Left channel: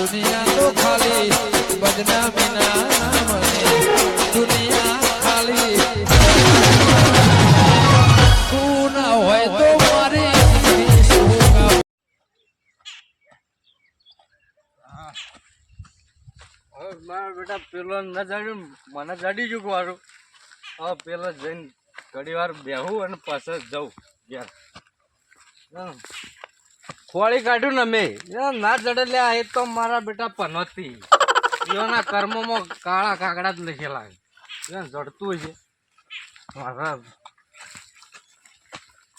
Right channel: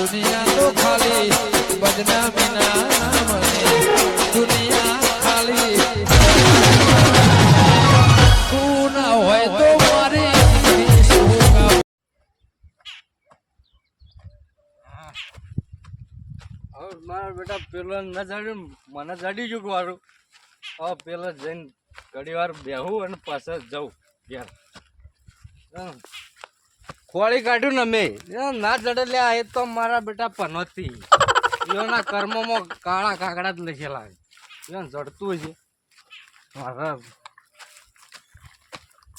દુનિયા તો ખાલી બદનામી ના મને દુનિયા ખાલી તું ના હોય તો મારી મારા બેટા પેલો ન જાડ્યું મને જાડી ગયું મારું. હવે પેલા જઈને ઘડી વાર બેહું અને પાછળ જાઉં ઘેર. ખોળી કાઢ્યું ને મેં ના જડે લે એ તો મારા બેટા પનોતી એના કર્મોમાં કાળા કાકડા જ લખેલા એને જડતું છે મારા.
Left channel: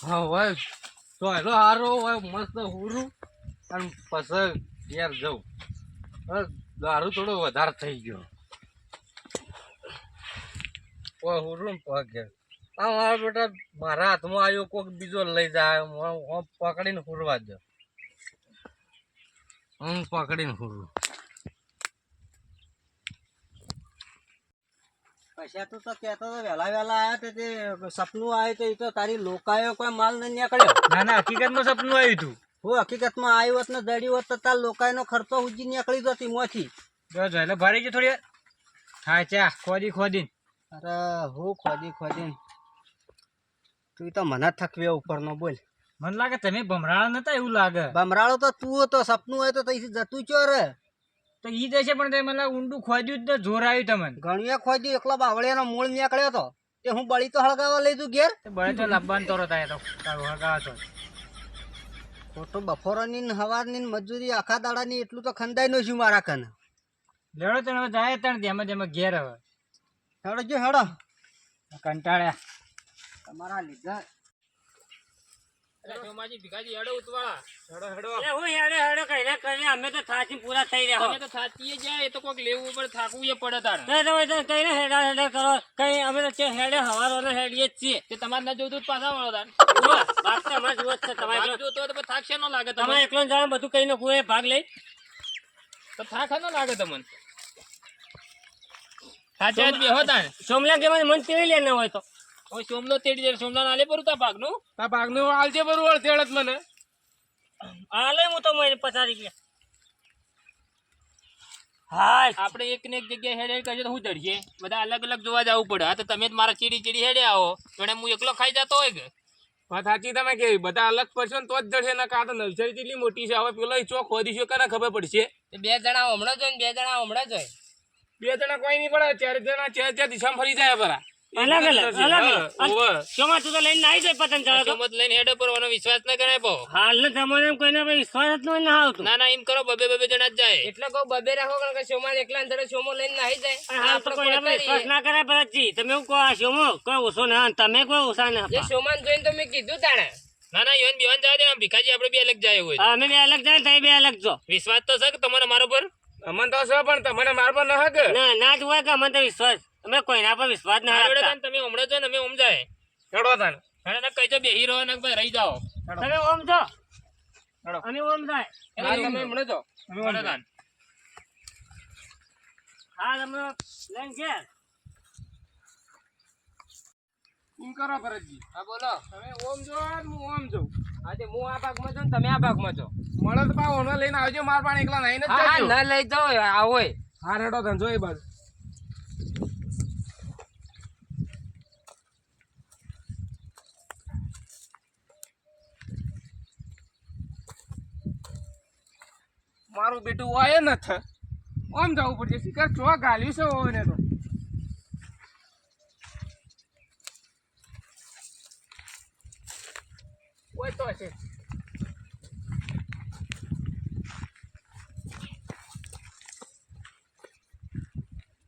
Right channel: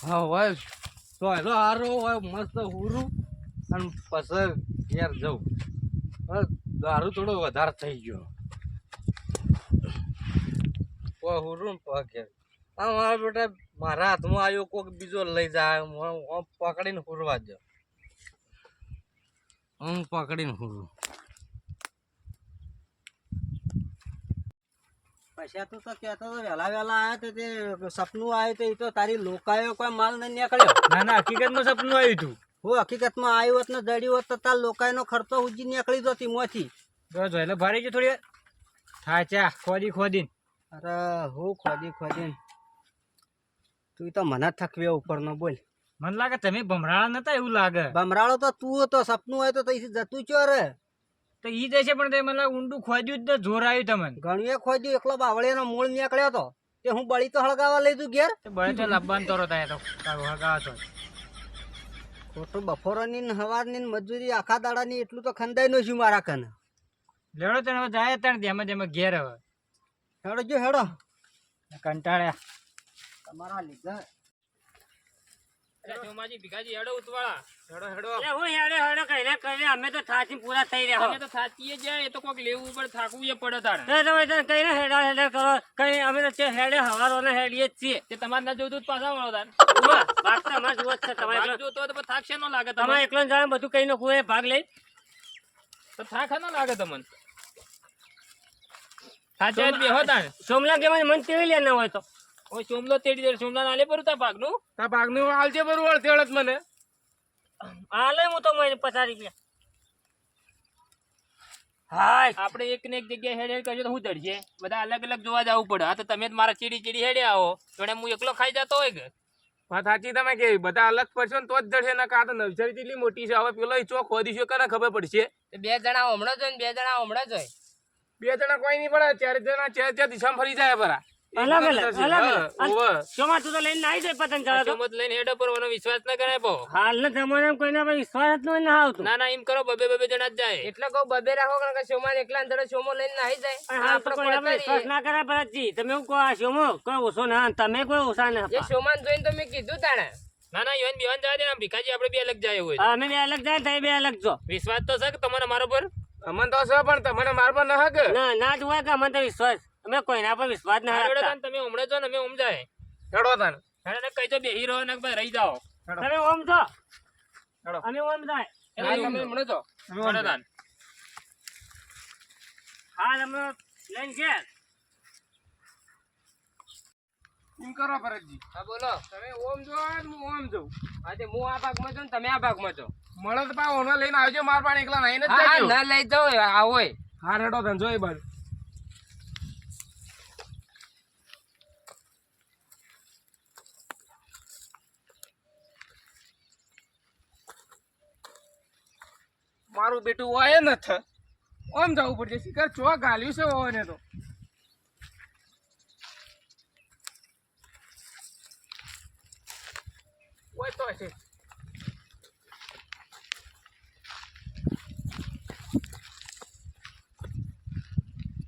હા હોય તો હેલો હારો હોય મસ્ત હુરું અને પછી ઘેર જાઉં. દારૂ થોડો વધારે થઈ ગયો હુરું ને પગ ઘેર. હા મારા બેટા મારા હાથમાં આવ્યો કોઈક બીજો લઈ જાય પકડીને હુરવા દો. હું પકડીને હુરું. પૈસા તો કહેતો વહેલા આવ્યા તો તે સપનું આવ્યું તો એ તો તારી લોકાયો કોઈ માલ નહીં નીકળ્યો. ના ના હકીકતમાં સપનું આવ્યું હતું. હું હકીકતમાં આવ્યું હોત ને જડ્યું હોત તો તાર લોકાયનો ખર્ચો ઉજી નીકળી જતી મોથી. એટલે ભરી ગયું થોડી હા ચા ખોદી. અરે હું ખોદી તું તો મને થકવે ઉપરનો બોલ. મને લાગે તમે ભમરાળા નતા એવું લાગે. ભમરાળો તો તું હતો સપનું હોય તો તઈથી જતું ચો રે તો ઈ જશે પણ તે મને ઊંડું ખોદ્યું જ તો જોર આવ્યું તમને. ઘણીએ ખોદ્યું એકલો બાવળિયાનો મૂળ નીકળ્યો તો તે હું બળી તો હળગાવા લઈ તું ઘેર. બળે તો લાવવાનું તરો થાય તો હળગાવા તો ખોટું બફોરોની ને હવારની મજૂરી આખા દાડાની એટલું તો ખંદાઈ નો છું મારા કને. લેડો તને હવે જાય તને જેમાં ઘેર હવે હેડો જો હેડો કંટાળ્યા તમારા લીધા. અમે તો થાચી પૂરા થઈ રહ્યા તો થાચીએ જાય તો કોઈક લેવું પડે થાકવું પડે તારે કઈ ને હેડા હેડા કરો કઈ અમે તો હેડે હવારો ને હેડીએ જ છીએ. તમારે ના જોતું પાછા વાળો તાર વાત તો અમારે જોવો જ છે. તમારે જોતો તો થાક છે ન લાગે તમારે એકલો જાણે બધું કઈ નાખવું એ ભાગ લઈ તો થાક ન લાગે તમને. સાચે બેહો તાને સોમલા કે મન તેડી લે ન હોય તો ઓય સોમલો તેડી દે. સોમલા નાલે પર તા ભાગનું આલજે બરોબર તેડત મને આલે હું તો મને 50 રૂપિયા. હાય આપણે એક ને એક જગ્યાએ હેડ હેડ કરજો તો હું ચડશે બધા અલગ અલગ જોવા જવું પડે. આ તો તમે જ મારા ચીડી હેડે આવો જોડે હું એકલો ખાઈ જતો હોય કે વાત સાચી તમે કે બધા અલગ પડશો ને તો જ જડશે ને. કાં તો નવસારી જેટલી મોટી છે હવે પેલો ચોક ખોદીશું કે ખબર પડશે. 2 જણા હમણાં જ હોય ને 2 જણા હમણાં જ હોય. 2 જણા કોઈ નહીં પડે 4 જણા 4 દિશામાં ફરી જાય પરા અલગ શોમાં તું તો લઈને આવી જાય પતંગ ચડાવતો મત લઈને હેડો પરવાનો વિશ્વાસ ન કરે બહુ. હાલના જમાનામાં કોઈના પર વિશ્વાસ જ ન આવતું. ના એમ કરો બબે જણા જ જાય એટલે કહું બબે રાખો કારણ કે શોમાં એકલા અંદર શોમો લઈને નાહી જાય. આપણે કોઈના પર વિશ્વાસ ના કરે ભરતજી. તમે હું કહો આ શોમો કોઈ ઓછો ના તમે કોઈ ઓછા ના એ શોમાન જોઈને તો મેં કીધું તાણે ના યોન બેવાન જાય ને ભીખાજી આપણે બે અલગ જાય હોય. અમે બે અલગ જાય તમે બે અલગ જો. વિશ્વાસ તો છે કે તમારે મારો પર અમન તો છે પણ તમારે મારો પર ના હકે ના જ હોય કે અમને તો વિશ્વાસ અમે કોઈના પર વિશ્વાસ ના રાખતા. તમે હમણાં જો ને અમે ઓમ જાય હેડો તાન હેડો કઈ તો બેહી રહો ને રહી જાઓ. તમે ઓમ છો અમે ઓમ જાય તમે હમણાં જો હેડો તાન હા અમે લઈને છે એમ કરો ભરતજી. હા બોલો તમે ઓમ જો હું ઓમ જાઉં. આજે હું આ ભાગમાં છું ને તમે આ ભાગમાં છો. મળે તો પા ઓનો લઈને આવજો માર પાણી એકલા નહીં જ જાજો. ના લઈ જાઓ આવો હા હેડો તાન જો એ બાજુ મારું બેટું હોય નથ ઓમ જવું પડશે શિકાર ચો ગાલ્યું છે ને તો હોય તો હશે.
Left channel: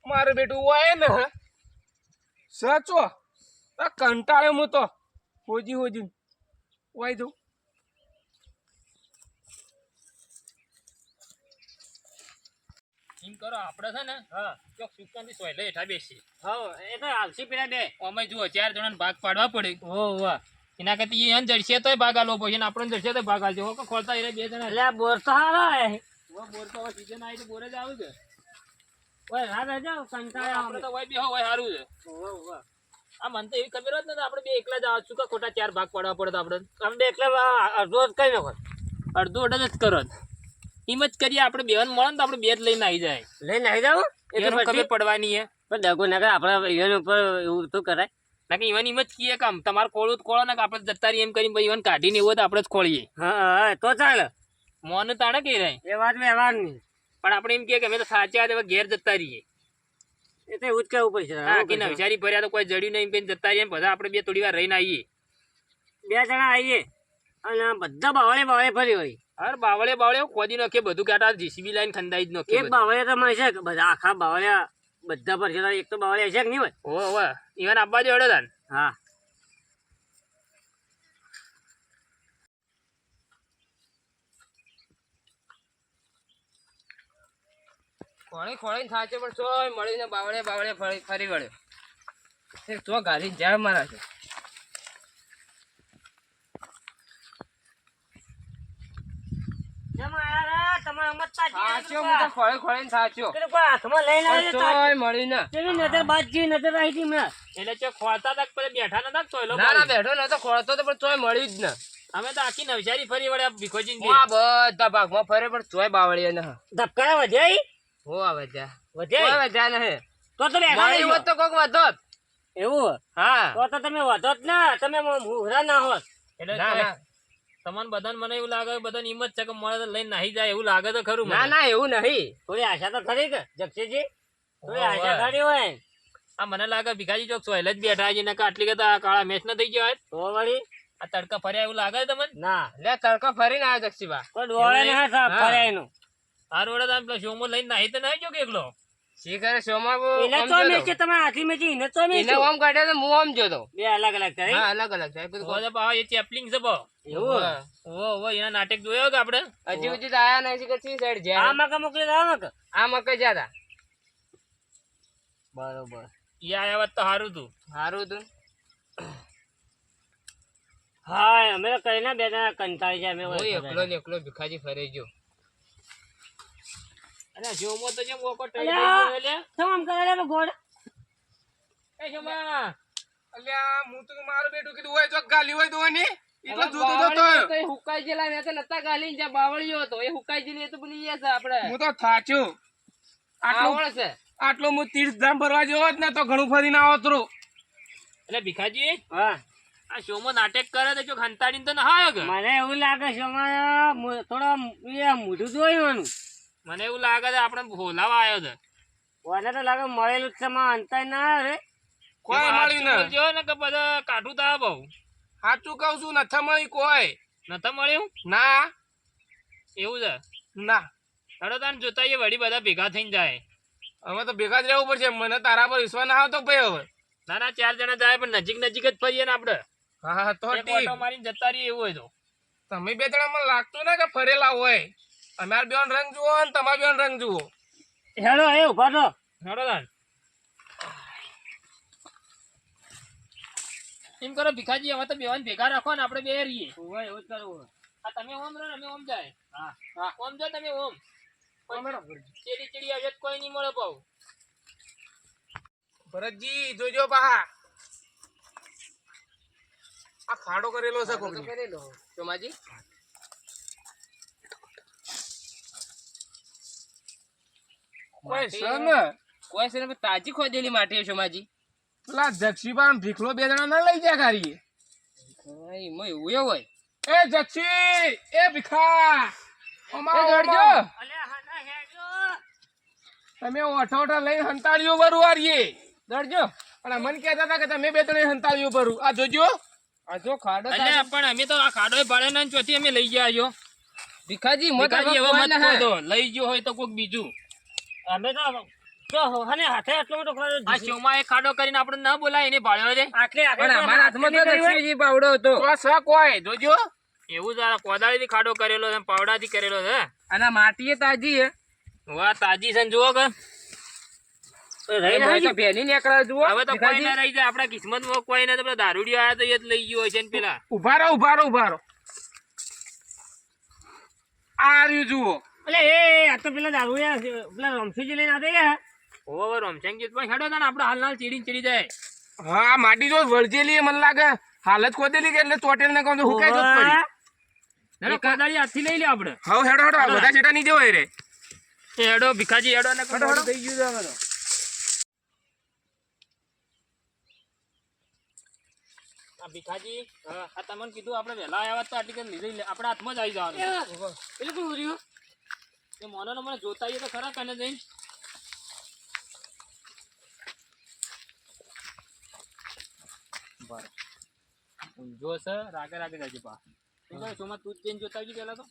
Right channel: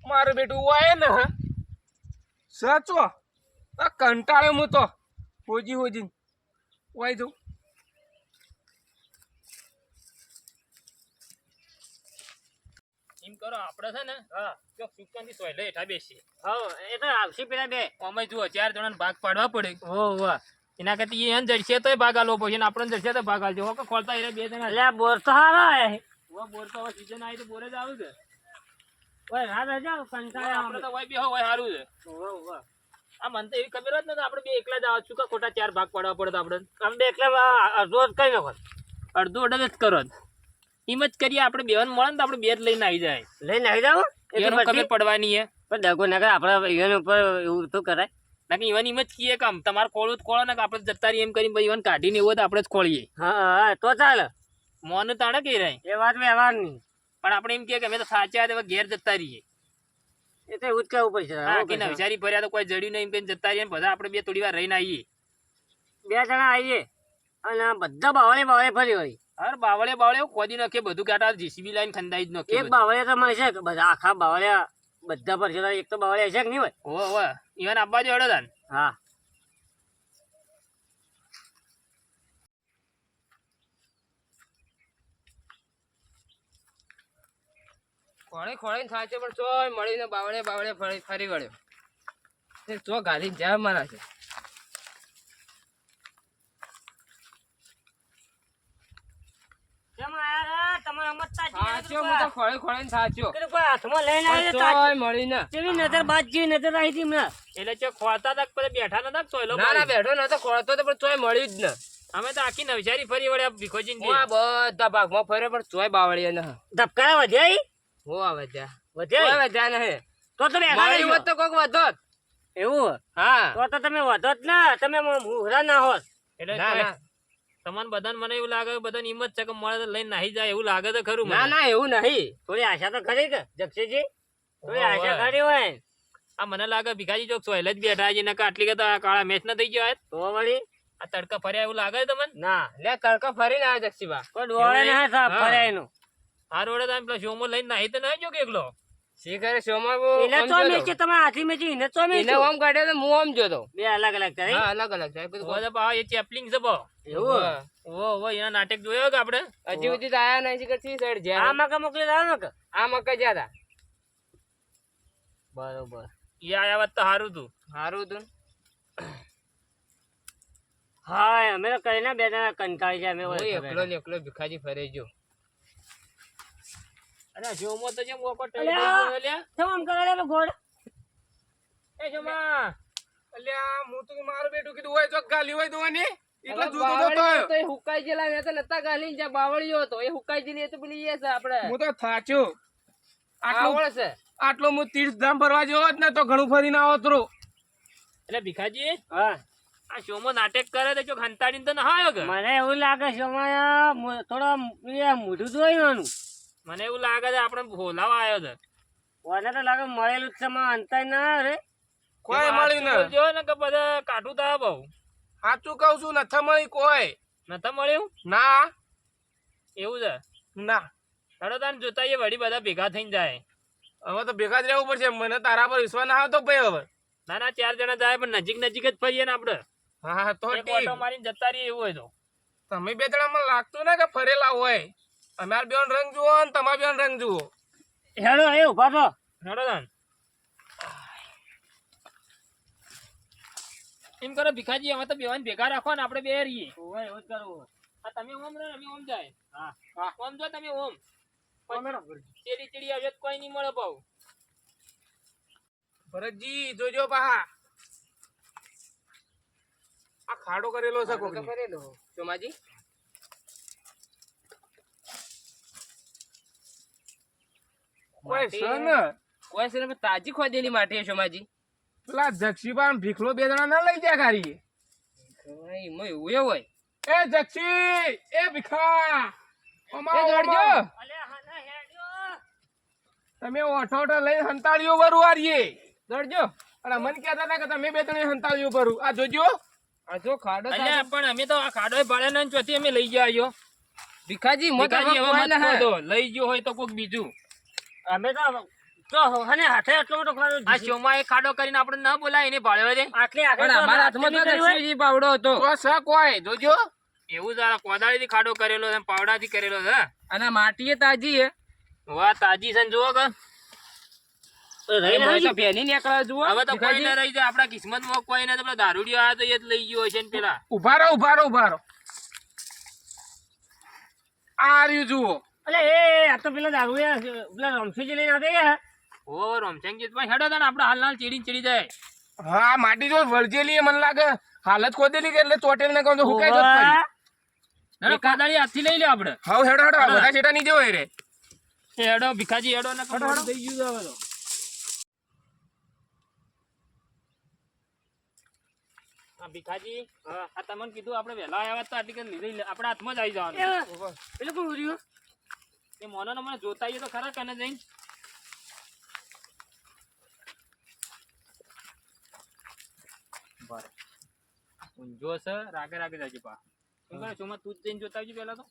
મારું બેટું હોય ને સાચો કંટાળે હું તો હોજી હોય જઉં. એમ કરો આપણે છે ને ચોક સુકાની સોય લઈ હેઠા બેસી. હા એ તો આવશે પેલા બે અમે જુઓ 4 જણાને ભાગ પાડવા પડે. વાહ એના કરતી એને જડશે તો ભાગ આલવો પડશે ને આપણને જડશે તો ભાગ આલજો. કે ખોલતા એ 2 જણા એટલે બોર તો હારા હે બોર તો હવે સીઝન આવી તો બોરે જ આવે કે ઓય રાત જાવ કંટાળા આપણે તો હોય બેહો હોય સારું છે. આ મને તો એવી ખબર જ નથી આપણે બે એકલા જ આવું છું કે ખોટા 4 ભાગ પાડવા પડે આપણે અમે બે એકલા અડધો જ કઈ નાખો અડધો જ કરો. એમ જ કરીએ આપણે બેન મળે ને તો આપણે બે જ લઈને આવી જાય લઈને આવી જાવ એ તો ઈવન પછી ખબર પડવાની હે પણ દગો નગર આપણા ઈવન ઉપર એવું તો કરાય બાકી ઈવન એમ જ કીએ કામ તમારે ખોળવું તો ખોળો ને કે આપણે જતા રહીએ એમ કરીને ઈવન કાઢીને એવો તો આપણે જ ખોળીએ હા તો ચાલે મોનું તાણે કહી રહે એ વાત વ્યવહારની પણ આપણે એમ કહે કે અમે તો સાચા હતા ઘેર જતા રહીએ એ તો એવું જ કહેવું પડશે હા કે નવસારી ભર્યા તો કોઈ જડ્યું નહીં એમ કહીને જતા રહીએ બધા આપણે બે થોડી વાર રહીને આવીએ 2 જણા આવીએ અને બધા બાવળે ફરી હોય અરે બાવળે ખોદી નાખે બધું કાઢા જીસીબી લાઈન ખંડાઈ જ નાખે એક બાવળે તો મળશે કે બધા આખા બાવળિયા બધા પર છે એક તો બાવળે હશે કે નહીં હોય ઓવે ઈવન આપવા દે હડે તાન હા ખોળે થાચો પણ ચોય મળીને બાવળે ફરી વળ્યો ચો ગાલી જા મારા છે ખોળે થાચ્યો હાથમાં લઈને આવીએ ચોય મળીને કેવી નજર બાજ જેવી નજર આવી હતી મેં એટલે ચો ખોળતા તક પછી બેઠા નતા ચોયલો ના ના બેઠો નતો ખોળતો તો પણ ચોય મળી જ ન અમે તો આખી નવસારી ફરી વળ્યા ભીખોજી આ બધા ભાગમાં ફરે પણ ચોય બાવળીએ ન ધબકારા વધ્યા હો આવે ત્યાં વધ્યા વધ્યા નહીં તો તમે મારી હોત તો કોક વધોત એવું હા તો તમે વધો જ ના તમે મુહરા ના હોત એટલે ના, તોય ના. તમને બધાને મને એવું લાગે બધાને હિંમત છે કે મળે તો લઈને નાહી જાય એવું લાગે તો ખરું ના મને ના એવું નહીં થોડી આશા તો ખરી કે જક્ષીજી થોડી હોવે. આશા ખરી હોય આ મને લાગે ભીખાજી ચોક સોયલ જ બેઠા છે ને આટલી કદા કાળા મેચ ના થઈ ગયો હોય તો વળી આ તડકા ફર્યા એવું લાગે છે તમને ના લે તડકો ફરીને આવે જક્ષીબા કોઈ ડોળે ના હા. ફરે એનું આ રોડે તમે પેલો શોમો લઈને નાહી તો નાહી જો કે એકલો શી કરે સોમાં એને તો મેચ છે તમે હાથી મેચી એને તો મેચ એને ઓમ કાઢ્યો તો હું ઓમ જોતો બે અલગ અલગ કરી હા અલગ અલગ થાય બધું ઓય બા એ ચેપલિંગ છે બો એવું ઓ એના નાટક જોયો કે આપણે હજી સુધી તો આયા નહીં કરતી સાઈડ આ જ્યાં મકા મોકલી દો મકા આ મકઈ જ્યાં બરોબર ઈ આયા વાત તો સારું તું સારું તું હા અમે તો કઈ ના બે જણા કંટાળી જાય અમે હું એકલો ને એકલો ભીખાજી ફરે ગયો અરે શોમો તો જેમ ઓકો ટઈ અલ્યા. ગયો લે શું આમ કરે લે ગોળ એ શોમા અલ્યા હું તો મારું બેટું કીધું હોય તો ગાલી હોય તો ને એટલો જોતો તો એ હુકાઈ જેલા ને તો નતા ગાલી જ્યાં બાવળિયો હતો એ હુકાઈ જેલી એ તો પેલી એ છે આપણે હું તો થાચ્યો આવળ છે આટલો હું 30 ધામ ભરવા જેવો જ ને તો ઘણું ફરીને આવત રો એટલે ભીખાજી હા આ શોમો નાટક કરે તો જો ખંતાડીને તો ના આવ્યો કે મને એવું લાગે છે અમારે થોડો એ મોઢું જોયું મને એવું લાગે છે આપણે ભોલાવા આવ્યો છે મને તો લાગે મળેલું જ છે માં અંતર ના રે કોઈ મળ્યું ને જો ને કે બધા કાઢું તા બહુ સાચું કહું છું નથી મળી કોઈ નતા મળ્યું ના એવું છે ના હડો તાન જોતા એ વળી બધા ભેગા થઈને જાય હવે તો ભેગા જ રહેવું પડશે મને તારા પર વિશ્વાસ ના આવતો ભાઈ હવે ના ના 4 જણા જાય પણ નજીક નજીક જ ફરીએ ને આપણે હા તો એક ઠીક ઓટો મારીને જતા રહીએ એવું હોય તો તમે બે જણા મને લાગતું ને કે ફરેલા હોય અમાર બેન રંગ જુઓ ને તમાર બેન રંગ જુઓ હેડો એ ઉભા તો હડો તાન એમ કરો ભીખાજી અમે તો બેવાને ભેગા રાખો ને આપણે બે રહીએ ઓય એવું જ કરવું આ તમે ઓમ રહો ને અમે ઓમ જાય હા ઓમ જો તમે ઓમ ચેડી ચેડી આવે તો કોઈ નહીં મળે પાઉ ભરતજી જોજો પાહા આ ખાડો કરેલો છે કોક કરેલો સોમાજી કોઈ છે ને કોઈ છે ને તાજી ખોદેલી માટી છે સોમાજી પેલા જક્ષીબા ભીખલો બે જણા ના લઈ જાય ગાડી એમાં એવું એ હોય એ જક્ષી એ ભીખા એ દોડજો તમે ઓઠો ઓઠો લઈ હંતાળીઓ ભરું આરીએ દોડજો અને મને કહેતા હતા કે તમે બે ત્રણ હંતાળીઓ ભરું આ જોજો આ જો ખાડો અલ્યા પણ અમે તો આ ખાડો ભાડે ના ચોથી અમે લઈ ગયા આયો ભીખાજી મત ભીખાજી હવે કોઈ મત ના ખોદો. લઈ ગયો હોય તો કોક બીજું અમે તો જો હને હાથે આટલો મોટો ખાડો આ શોમાં એક ખાડો કરીને આપણે ના બોલાય એને ભાડવા જાય આટલી પણ આટલી અમારા હાથમાં તો આટલી કરી હોય. દક્ષિણજી પાવડો હતો તો છે કોઈ જોજો એવું જરા કોદાળીથી ખાડો કરેલો છે પાવડાથી કરેલો છે અને આ માટી એ તાજી હે વાહ તાજી છે ને જુઓ કે તો રહી હવે ના તો ફેની નીકળે જુઓ હવે તો કોઈ ના રહી જાય આપણા કિસ્મતમાં કોઈ ને તો પેલા દારૂડિયો આવ્યો તો એ જ લઈ ગયો હશે ને પેલા ઉભા રહો ઉભા રહો ઉભા રહો આ રહ્યું જુઓ એટલે એ આ તો પેલા દારૂ પેલા રમસુજી લઈને આવતા યાર ઓ રમચંગજી પણ હેડો તાને આપણે હાલ ચીડીને ચડી જાય હા માટી જો વળજેલી મને લાગે હાલત ખોદેલી કે એટલે ચોટેલ ને કહું તો હુકાઈ જ પડી ના કોદાળી હાથથી લઈ લે આપણે. હાવ હેડો હેડો આ બધા છેટા નહીં જવાય રે. એ હેડો ભીખાજી હેડો ને કોદાળી થઈ ગયું છે હવે તો. આ ભીખાજી આ તમને કીધું આપણે વહેલા આવ્યા તો આટલી લીધી આપણા હાથમાં જ આવી જવાનું. પેલું કોણ રહ્યું? એ મોનો મને જોતા આવીએ તો ખરા કને જઈને. બરાબર ઊંઝો છે રાગે રાગે જાજે પા. શું કરે ચોમાં તું જ જઈને જોતા આવજો પેલા તો.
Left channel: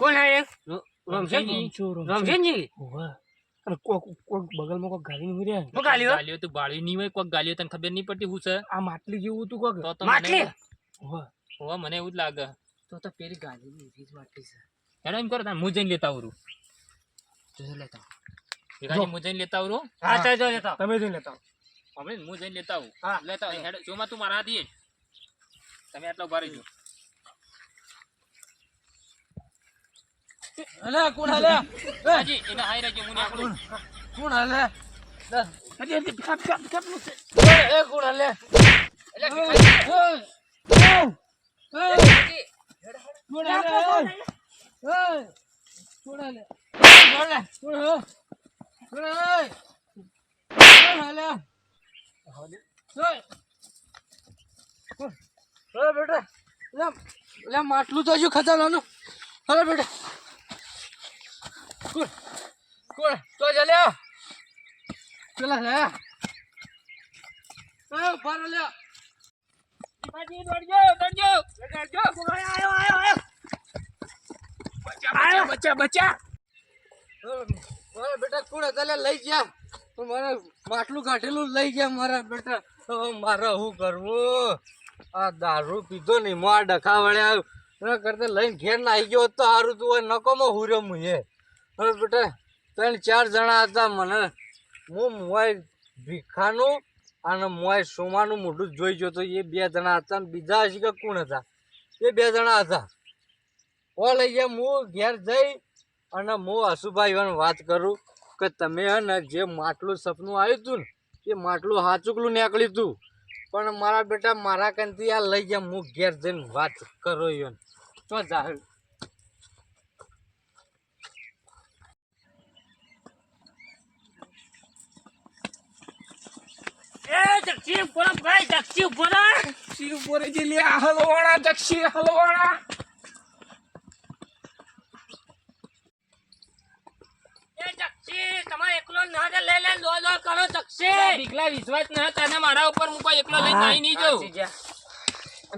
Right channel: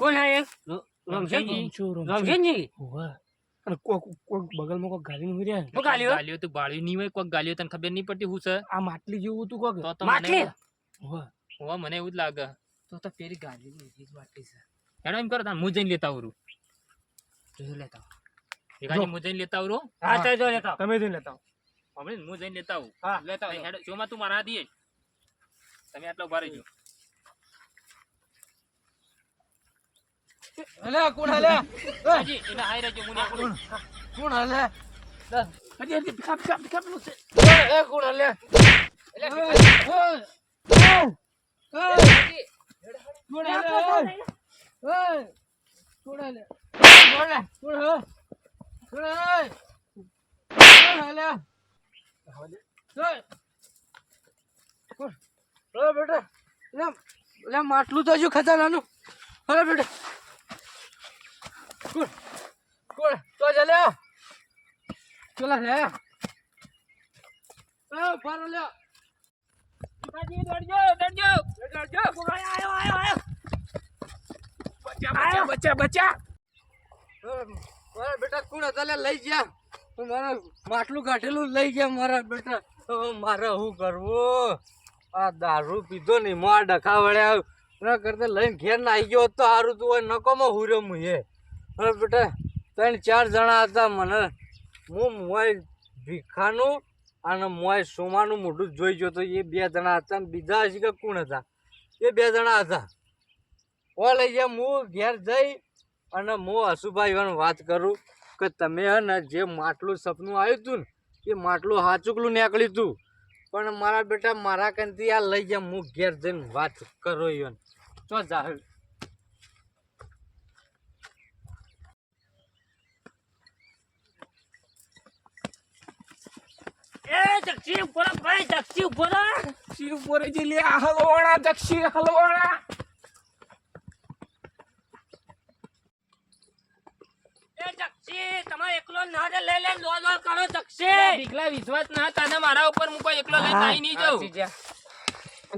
કોણ હે એ? રમશેનજી? રમશેનજી? બગલમાં કોક ગાલી નું રહ્યા શું ગાલ્યો? ગાલીઓ તું બાળી નહીં હોય કોક ગાલીઓ તને ખબર નહીં પડતી હું છે આ માટલી જેવું હતું કોક તો માટલી? હોવા મને એવું જ લાગે. તો પેલી ગાડી ની રીત માટલી છે. હેડો એમ કરો તાર હું જઈને લેતા આવરું. જોઈ લેતા ભીખાજી હું જઈને લેતા આવરું. હા તે જો લેતો. તમે જોઈ લેતા હવે હું જઈને લેતા આવું. હા લેતા આવો. હેડો જોમાં તું મારા હાથી જ. તમે આટલા ઉભા રહેજો. અલે કોણ હાલે ભીખાજી એને હાઈ રહેજો હું નીકળું. કોણ હાલે એ કોણ હાલે માટલું તો હજુ ખજાનાનું. હવે બેટા કોણ કોણ તો ચાલ્યા પેલા લે બાર લે ભીખાજી દોડજો દોડજો દોડજો. આયો આયો આયો. બચ્ચા બચ્ચા. મારા બેટા કોણ ચાલે લઈ ગયા મારા માટલું કાઢેલું લઈ ગયા મારા બેટા. હવે મારે શું કરવું? આ દારૂ પીધો ને મોં ડખા વળ્યા એના કરતા લઈને ઘેર ના આવી ગયો હોત તો સારું તું હોય નકોમાં હુર્યો હું એ. હવે બેટા 3-4 જણા હતા મને હું મોય ભીખાનું અને મોય સોમાનું મોઢું જોઈ ગયો તો એ 2 જણા હતા અને બીજા હજી કે કોણ હતા એ 2 જણા હતા. ઓ લઈ ગયા હું ઘેર જઈ અને હું હસુભાઈ વાત કરું કે તમે હે ને જે માટલું સપનું આવ્યું હતું ને એ માટલું હાચુકલું નીકળ્યું હતું પણ મારા બેટા મારા કંથી આ લઈ ગયા હું ઘેર જઈને વાત કરો યો તો જાહેર એ જક્ષી ઉપર ભાઈ જક્ષી ઉપર. શિવ બોરે જે લે હલવાણા દક્ષી હલવાણા એ જક્ષી તમારે એકલો ના દે લઈ લે લો લો કરો જક્ષી. દીકલા વિશ્વાસ ના તને મારા ઉપર હું કોઈ એકલો લઈને નાહી નહીં જાઉં.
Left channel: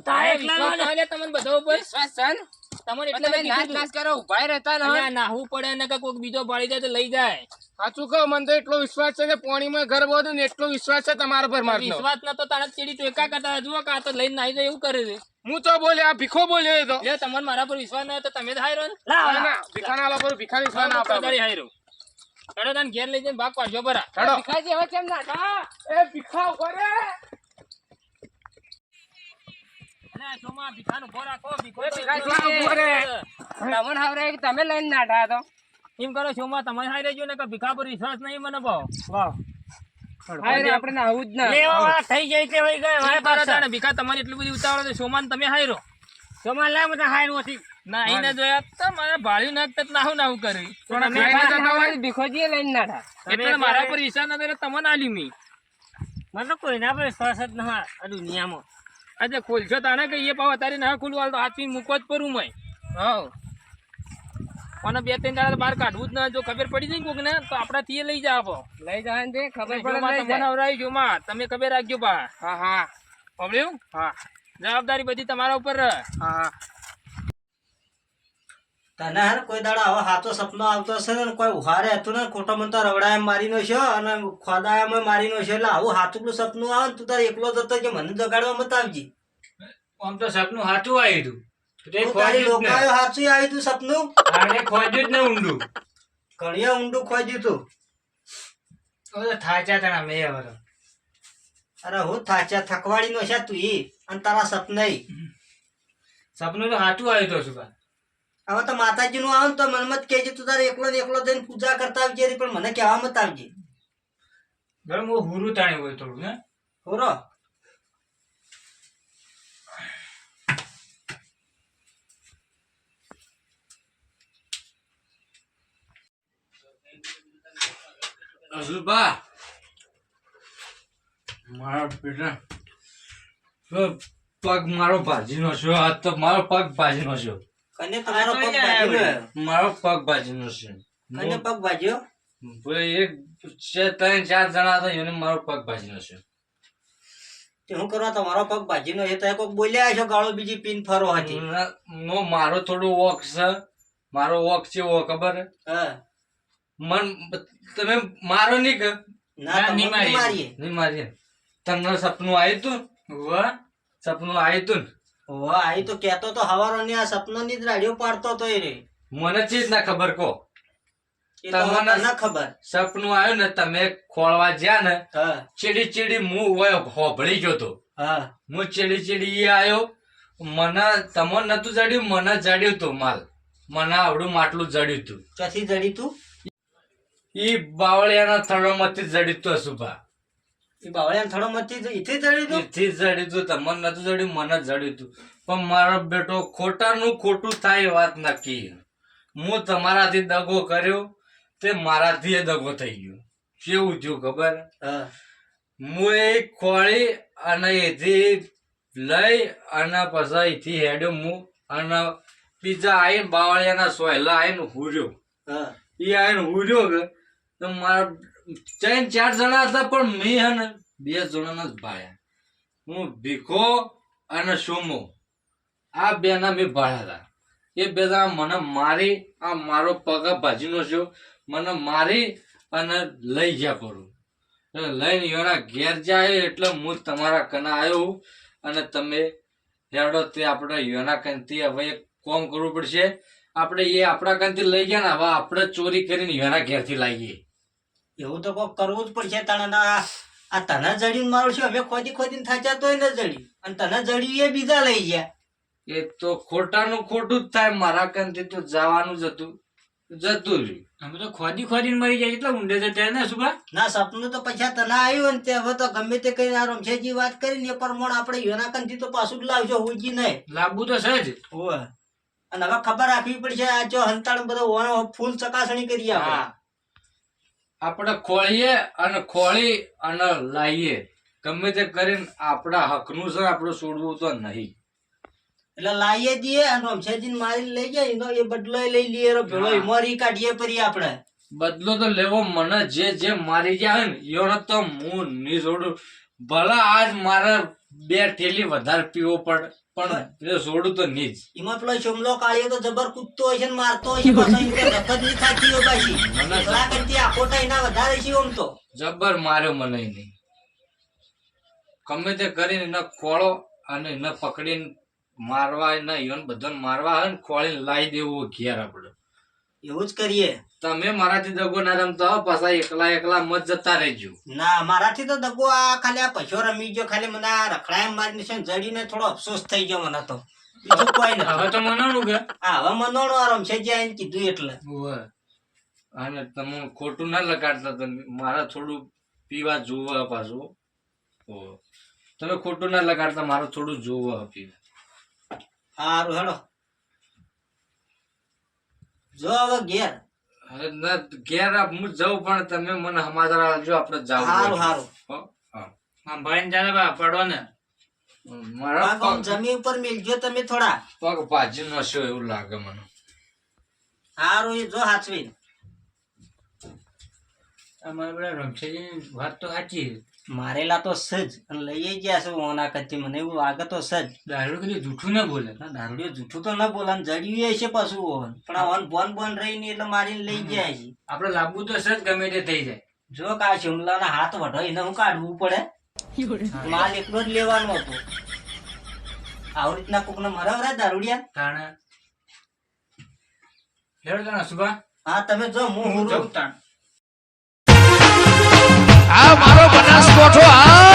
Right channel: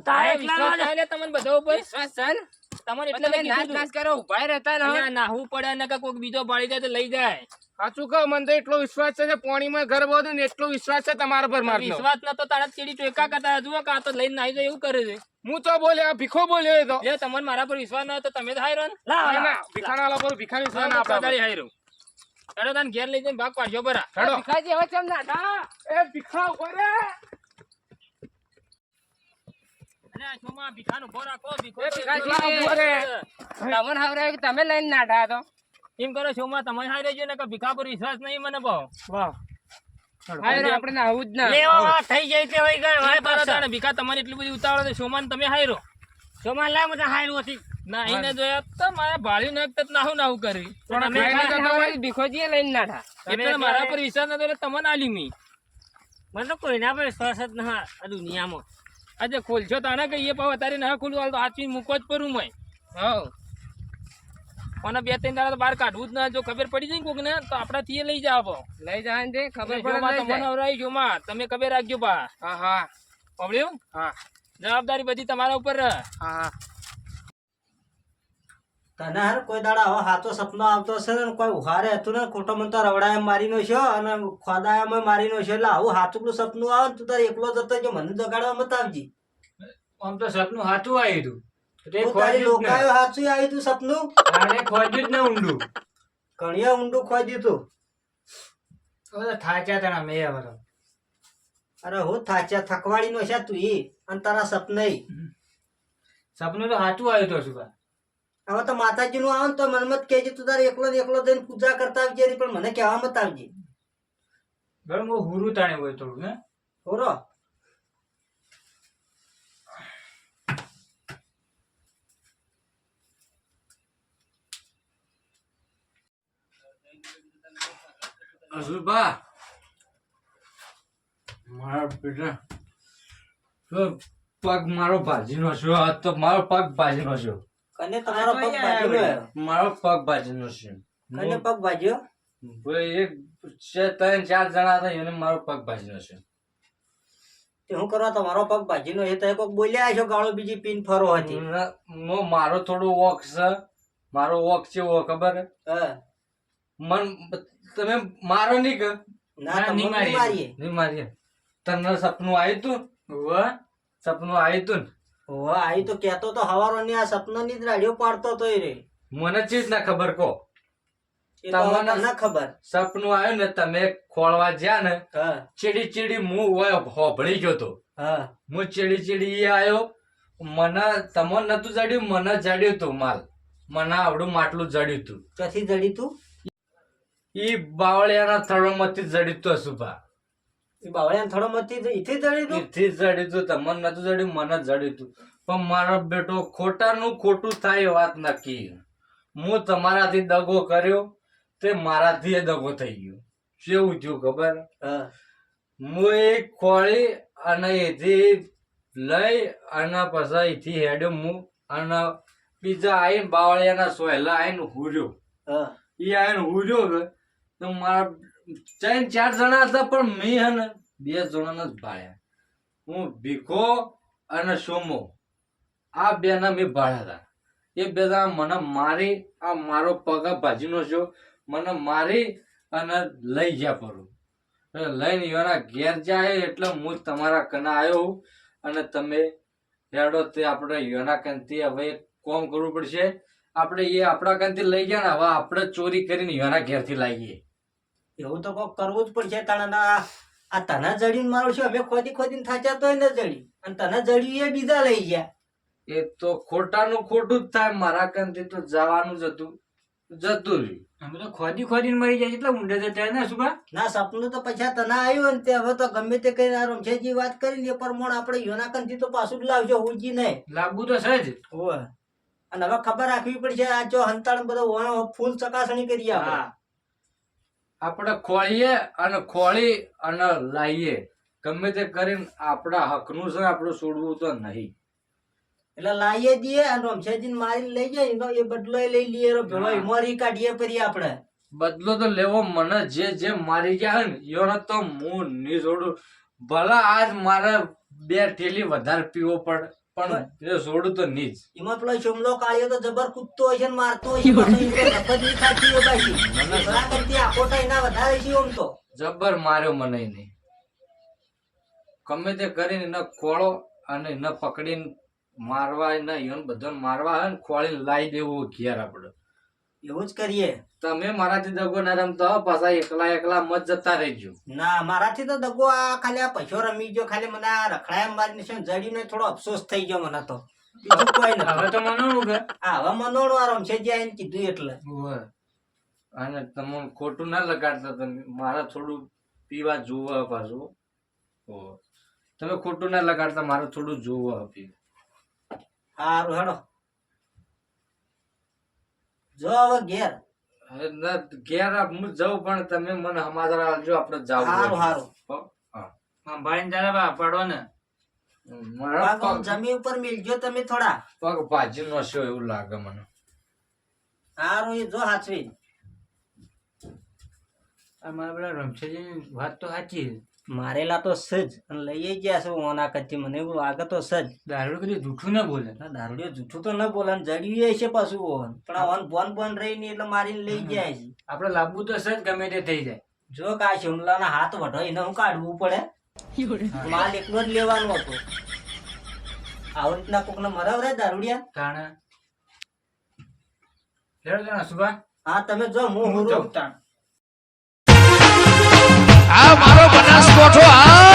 તારે એકલા નો લે. એટલે તમને બધા ઉપર વિશ્વાસ છે ને? તમારે એટલે તમે મેં નાચ કીધું નાચ કરો ઉભા રહેતા હતું. ને અહીંયા નાહવું પડે ને કે કોઈક બીજો પાડી જાય તો લઈ જાય. સાચું કહો મને તો એટલો વિશ્વાસ છે કે પાણીમાં ઘર બધું ને એટલો વિશ્વાસ છે તમારા પર મારનો. વિશ્વાસ ના તો તારા ચીડી ચોયકા કરતા જુઓ કે આ તો લઈને નાહી જાય એવું કરે છે. હું તો બોલે આ ભીખો બોલ્યો એ તો લે તમને મારા પર વિશ્વાસ ન હોય તો તમે જ હાયરો ને. લા ના, ના, ભીખાના આલા પર ભીખાની વિશ્વાસ ના હું આપવા પધારી હાયરો. હેડો તને ઘેર લઈ જઈને ભાગ પાડજો બરા. પડે. ભીખાજી હવે કેમ ના થા? એ ભીખા ઉભા અને આ શોમાં ભીખાનો ઉભો રાખો. ભીખો એ તો ભીખાજી, એકલો ઉભો રહે. તમને હાવરે કે તમે લઈને નાઠા તો એમ કરો શોમાં તમે હારી રહેજો ને કે ભીખા પર વિશ્વાસ નહીં મને ભાવ. હાય આપણે આવું જ ના લેવા વાળા થઈ જાય તે વઈ ગયો હાય હાય પાછા. પાછા ભીખા તમારી એટલી બધી ઉતાવળ તો શોમાં તમે હાયરો. તમારે લાય મને હાયરું હતી. ના અહીં ના જોયા તો મારા ભાળી નાખતા નાહું નાહું કરી. પણ અમે ભીખોજી લઈને નાઠા એટલે મારા પર વિશ્વાસ ન કરે તમને આલી મી. મને તો કોઈના પર વિશ્વાસ જ ના આ દુનિયામાં. આજે ખોલશો તાને કે એ પાવ તારી ના ખોલવા તો હાચી મૂકો જ પરું મય. હા અને 2-3 દાડા બહાર કાઢવું જ ના. જો ખબર પડી જાય કોક ને તો આપણાથી લઈ જાવ. લઈ જવા દે ખબર ખબર પડે લઈ તમને જાય. હવરાઈ જોમાં તમે ખબર રાખજો બા. હા હા સાંભળ્યું? હા જવાબદારી બધી તમારા ઉપર રહે. હા તને હે ને કોઈ દાડા હવે સાચો સપનો આવતો હશે ને કોઈ ઉહારે હતું ને ખોટો મને તો રવડાય મારીનો છે અને ખોદાયામાં મારીનો છે એટલે આવું સાચું સપનું આવે ને તું તારે એકલો જતો કે મને જગાડવા મત આવજી. આમ તો સપનું સાચું આવ્યું હતું તે તું તારી ખોજ્યું જ લોકાયો સાચું આવ્યું તું સપનું ને. આને ખોજ્યું જ ને ઊંડું ઘણીએ ઊંડું ખોજ્યું તું. હવે તો થાચા તને મેં હવે તો. અરે હું થાચ્યા થકવાડી નો છે તું ઈ અને તારા સપનાઈ સપનું તો સાચું આવ્યું તો શું હવે તો માતાજી નું આવે ને તો મનમાં જ કહેજે તું તારે એકલો ને એકલો જઈને પૂજા કરતા આવજે રી, પણ મને કહેવા મત આવજે. ગરમ હું હુરું તાણે હોય થોડું ને હોરો અજુબા મારા બેટા તો પગ મારો ભાજીનો છે. આ તો મારો પગ ભાજીનો છે. કને તમારો પગ ભાજ્યો? મારો પગ ભાજીનો છે. કને પગ ભાજ્યો? ભાઈ એક છે, 3-4 જણા હતા એને મારો પગ ભાજીનો છે. તે હું કરવા તમારો પગ ભાજીનો છે? તમે કોક બોલ્યા છો ગાળો બીજી પીન ફરો હતી. મારો થોડો વોક છે. મારો વોક ચેવો ખબર હે? હા મન તમે મારો નહીં કે ના તમને મારીએ. નહીં મારીએ. તમને સપનું આવ્યું તું? સપનું આવ્યું તું ને? ઓહ આઈ તો કહેતો તો હવારો ની આ સપનો ની જ રાડિયો પાડતો તો એ રે. મને ચીજ ના ખબર કહો. એ તો હવે તમને તને ખબર. સપનું આવ્યું ને તમે ખોળવા જ્યાં ને હા ચીડી ચીડી હું હોય હોભળી ગયો તો. હા હું ચીડી ચીડી એ આવ્યો. મને તમને નતું જડ્યું, મને જડ્યું તું માલ. મને આવડું માટલું જડ્યું તું. ક્યાંથી જડી તું? ઈ બાવળિયાના થળોમાંથી જડ્યું તું અશુભા. એ બાવળિયા થોડો મતી ઈથી જડી તું? એથી જડ્યું તું. તમને નતું જડ્યું, મને જડ્યું તું. પણ મારો બેટો ખોટાનું ખોટું થાય એ વાત નક્કી. હું તમારાથી દગો કર્યો તે મારાથી એ દગો થઈ ગયો. કેવું થયું ખબર? હા હું એ ખોળી અને એથી લઈ અને પછી અહીંથી હેડ્યો હું અને બીજા આવીને બાવળિયાના સોયલા આવીને હુર્યો. હા એ આવીને હુર્યો કે તો મારા 3-4 જણા હતા પણ મેં હે ને 2 જણાના જ ભાયા. હું ભીખો અને સોમો આ બેના મેં ભાડ્યા હતા. એ બે જણા મને મારી આ મારો પગ ભાજીનો છે મને મારી અને લઈ ગયા પરું. લઈને એના ઘેર જાય એટલે હું તમારા કના આવ્યો અને તમે હેડો તે આપણે એના કંથી હવે એક કોમ કરવું પડશે. આપણે એ આપણા કંથી લઈ ગયા ને હવે આપણે ચોરી કરીને એના ઘેરથી લાવીએ. એવું તો કોક કરવું જ પડશે. તને ના આ તને જડીને મારું છું અમે ખોદી ખોદીને થાચ્યા તોય ન જડી અને તને જડ્યું એ બીજા લઈ ગયા. એ તો ખોટાનું ખોટું જ થાય. મારા કંથી તો જવાનું જ હતું, જતું રહ્યું. અમે તો ખોદી ખોદીને મરી જાય એટલે ઊંડે જતા ને શું ના સપનું તો પૈસા તને આવ્યું ને તે હવે તો ગમે તે કઈ ના રમશેજી વાત કરીને એ પ્રમાણે આપણે યોના કંથી તો પાછું જ લાવજો હોજી નહીં. લાવવું તો છે જ. હોવે અને હવે ખબર રાખવી પડશે આ જો હંતાણ બધો ફૂલ ચકાસણી કરીએ આપણે. હા આપણે ખોળીએ અને ખોળી અને લાવીએ. ગમે તે કરીને આપણા હકનું છે આપણે છોડવું તો નહીં. એટલે લાવીએ દઈએ અને રમશેજી મારી લઈ જાય એનો એ બદલો લઈ લઈએ ભેળો મોરી કાઢીએ પરી આપણે. બદલો તો લેવો. મને જે જે મારી જાય ને એનો તો હું નહીં છોડું. ભલે આજ મારે 2 થેલી વધારે પીવો પડે પણ એ છોડું તો નહીં જ. એમાં પેલો શમલો કાઢ્યો તો જબર કૂદતો હોય છે ને મારતો હોય છે પાછો એમ કે નફત નહીં ખાતી હોય પાછી. ઘણા કરતી આખો તો એના વધારે છે આમ તો. જબર માર્યો મને નહીં. ગમે તે કરીને એને ખોળો અને એને પકડીને મારવા એને એને બધાને મારવા હોય ને ખોળીને લાવી દેવું ઘેર આપણે. એવું જ કરીએ. તમે મારાથી દગો ના રમતા હો પાછા એકલા એકલા મત જતા રહેજો. ના મારાથી તો દગો આ ખાલી આ પૈસો રમી ગયો ખાલી મને આ રખડાય મારી છે જડીને થોડો અફસોસ થઈ ગયો મને તો. બીજું કોઈ હવે નથી. તો મનાણું કે હા હવે મનોણો આ રમશેજી આઈને કીધું એટલે. અને તમે ખોટું ના લગાડતા. તમે મારા થોડું પીવા જોવા પાછું. તમે ખોટું ના લગાડતા મારે થોડું જોવા પીવા. સારું હેડો જો હવે ઘેર. હવે ના ઘેર હું જાઉં પણ તમે મને સમાચાર આપજો. આપણે જાવ. સારું સારું. સંભાળીને જાને બા પડો ને. મારા પગ આમ જમીન ઉપર મિલજો તમે થોડા. પગ ભાજી નશો એવું લાગે મને. સારું એ જો હાચવી. અમારા બધા રમશેજીની વાત તો સાચી છે. મારેલા તો સજ અને લઈ ગયા છું ઓના કચ્છી મને એવું લાગે તો સજ. દારૂ કદી જૂઠું ના બોલે. દારૂડિયો જૂઠું તો ન બોલે ને જડ્યું છે પાછું ઓન પણ આ ઓન બોન બોન રહીને એટલે મારીને લઈ ગયા છે. આપણે લાવવું તો છે જ ગમે તે થઈ જાય. જો કા શિમલાના હાથ વઢો એને હું કાઢવું પડે. માલ એકલો જ લેવાનો હતો. આવી રીતના કોકને મરાવરા દારૂડિયા. તાણે લેડો તાણે સુભા. હા તમે જો હું જવું તાણ. આ મારો બનાસકોઠો આ